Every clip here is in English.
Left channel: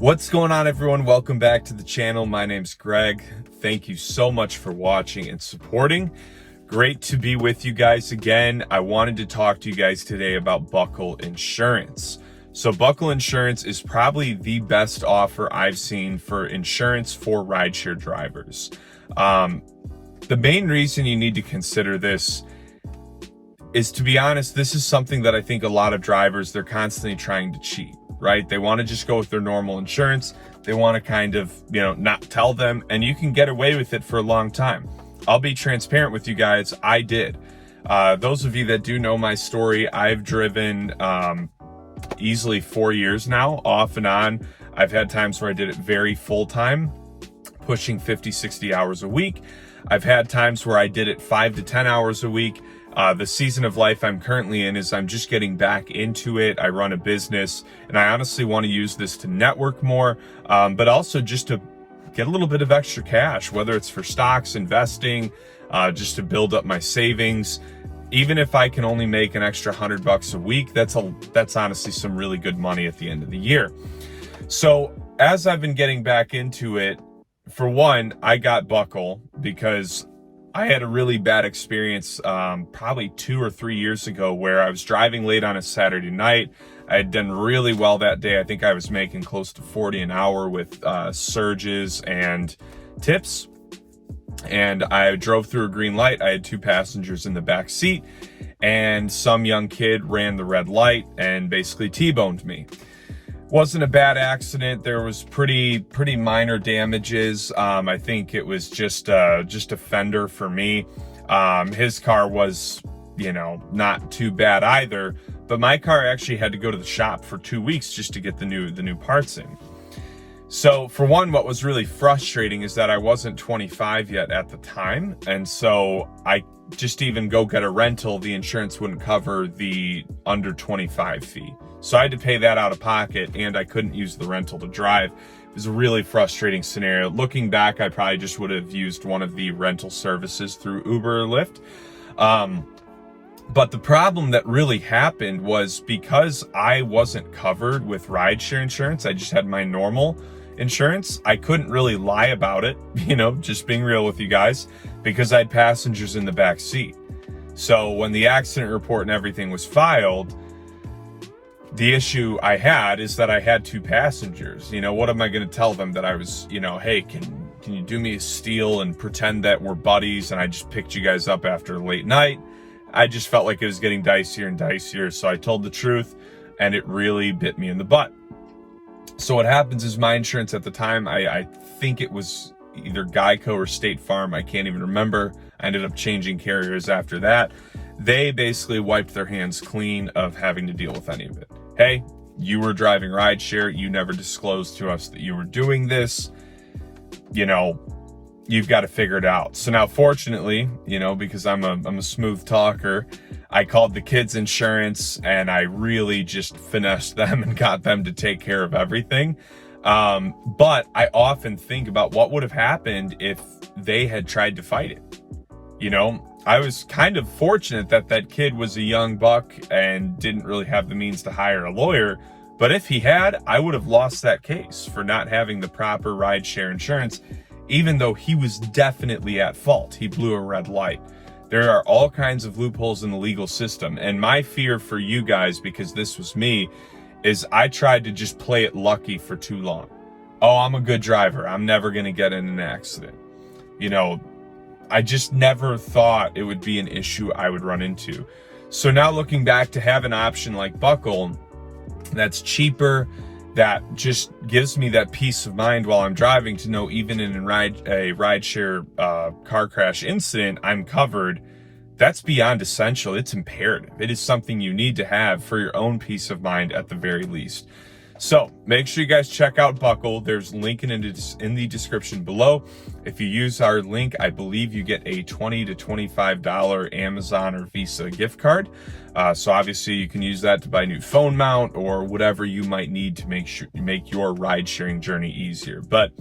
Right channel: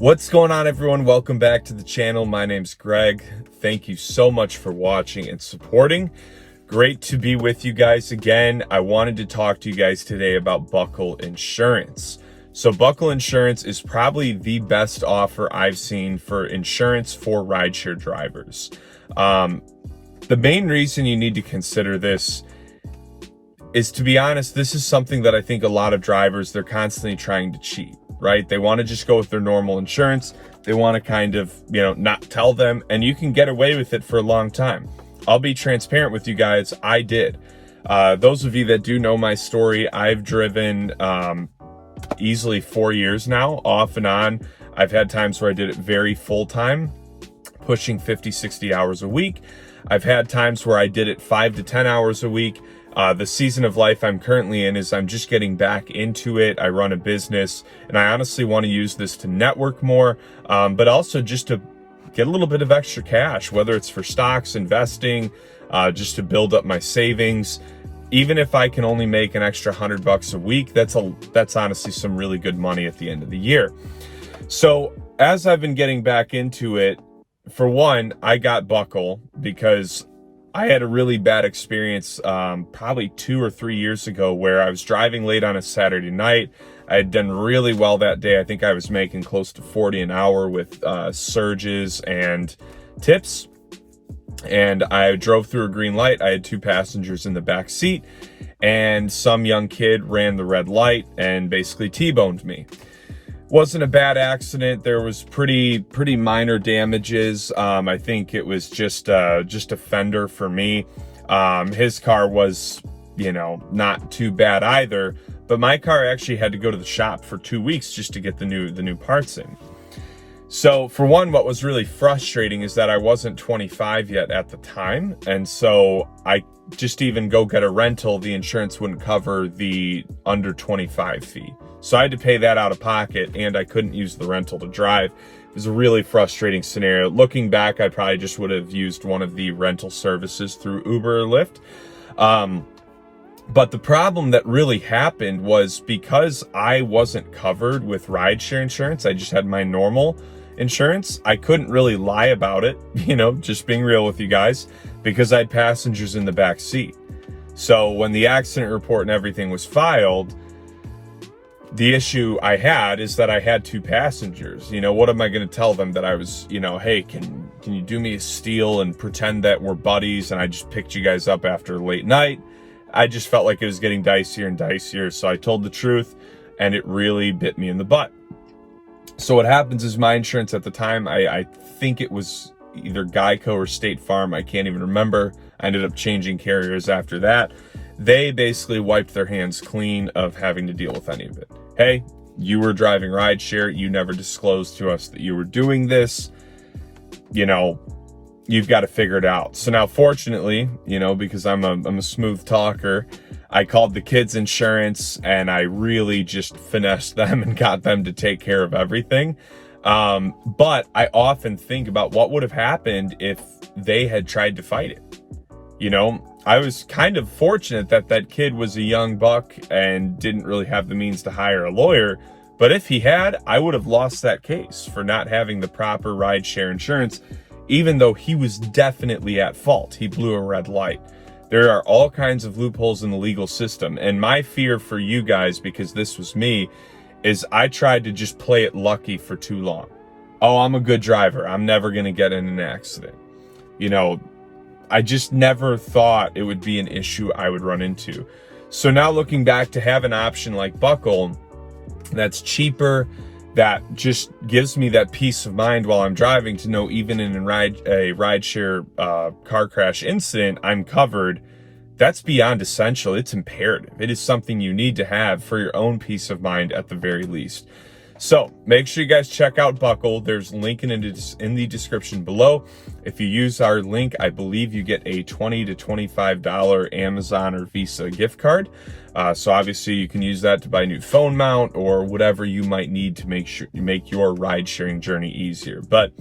What's going on, everyone? Welcome back to the channel. My name's Greg. Thank you so much for watching and supporting. Great to be with you guys again. I wanted to talk to you guys today about Buckle Insurance. So Buckle Insurance is probably the best offer I've seen for insurance for rideshare drivers. The main reason you need to consider this is, to be honest, this is something that I think a lot of drivers, they're constantly trying to cheat, right? They want to just go with their normal insurance. They want to kind of, not tell them, and you can get away with it for a long time. I'll be transparent with you guys. I did. Those of you that do know my story, I've driven easily 4 years now, off and on. I've had times where I did it very full time, pushing 50, 60 hours a week. I've had times where I did it 5 to 10 hours a week. The season of life I'm currently in is I'm just getting back into it. I run a business, and I honestly want to use this to network more, but also just to get a little bit of extra cash, whether it's for stocks, investing, just to build up my savings. Even if I can only make an extra $100 a week, that's honestly some really good money at the end of the year. So as I've been getting back into it, for one, I got Buckle because I had a really bad experience probably 2 or 3 years ago where I was driving late on a Saturday night. I had done really well that day. I think I was making close to 40 an hour with surges and tips. And I drove through a green light. I had 2 passengers in the back seat, and some young kid ran the red light and basically T-boned me. Wasn't a bad accident. There was pretty minor damages. I think it was just a fender for me. His car was, not too bad either, but my car actually had to go to the shop for 2 weeks just to get the new parts in. So for one, what was really frustrating is that I wasn't 25 yet at the time, and so I just even go get a rental, the insurance wouldn't cover the under 25 fee. So I had to pay that out of pocket, and I couldn't use the rental to drive. It was a really frustrating scenario. Looking back, I probably just would have used one of the rental services through Uber or Lyft. But the problem that really happened was because I wasn't covered with rideshare insurance, I just had my normal insurance. I couldn't really lie about it, just being real with you guys, because I had passengers in the back seat. So when the accident report and everything was filed, the issue I had is that I had 2 passengers. What am I going to tell them? That I was, hey, can you do me a steal and pretend that we're buddies and I just picked you guys up after a late night? I just felt like it was getting dicier and dicier, so I told the truth, and it really bit me in the butt. So what happens is my insurance at the time, I think it was either Geico or State Farm, I can't even remember. I ended up changing carriers after that. They basically wiped their hands clean of having to deal with any of it. Hey, you were driving rideshare, you never disclosed to us that you were doing this, you've got to figure it out. So now, fortunately, because I'm a smooth talker, I called the kids' insurance and I really just finessed them and got them to take care of everything. But I often think about what would have happened if they had tried to fight it. I was kind of fortunate that kid was a young buck and didn't really have the means to hire a lawyer. But if he had, I would have lost that case for not having the proper rideshare insurance, even though he was definitely at fault. He blew a red light. There are all kinds of loopholes in the legal system. And my fear for you guys, because this was me, is I tried to just play it lucky for too long. Oh, I'm a good driver. I'm never going to get in an accident. I just never thought it would be an issue I would run into. So now looking back, to have an option like Buckle that's cheaper, that just gives me that peace of mind while I'm driving to know even in a rideshare car crash incident, I'm covered. That's beyond essential. It's imperative. It is something you need to have for your own peace of mind at the very least. So make sure you guys check out Buckle. There's a link in the description below. If you use our link, I believe you get a $20 to $25 Amazon or Visa gift card. So obviously you can use that to buy a new phone mount or whatever you might need to make your ride sharing journey easier. But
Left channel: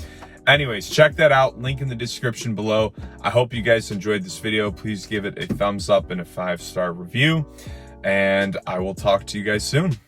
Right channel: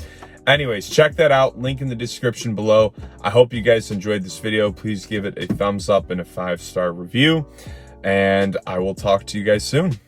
anyways, check that out. Link in the description below. I hope you guys enjoyed this video. Please give it a thumbs up and a 5-star review. And I will talk to you guys soon.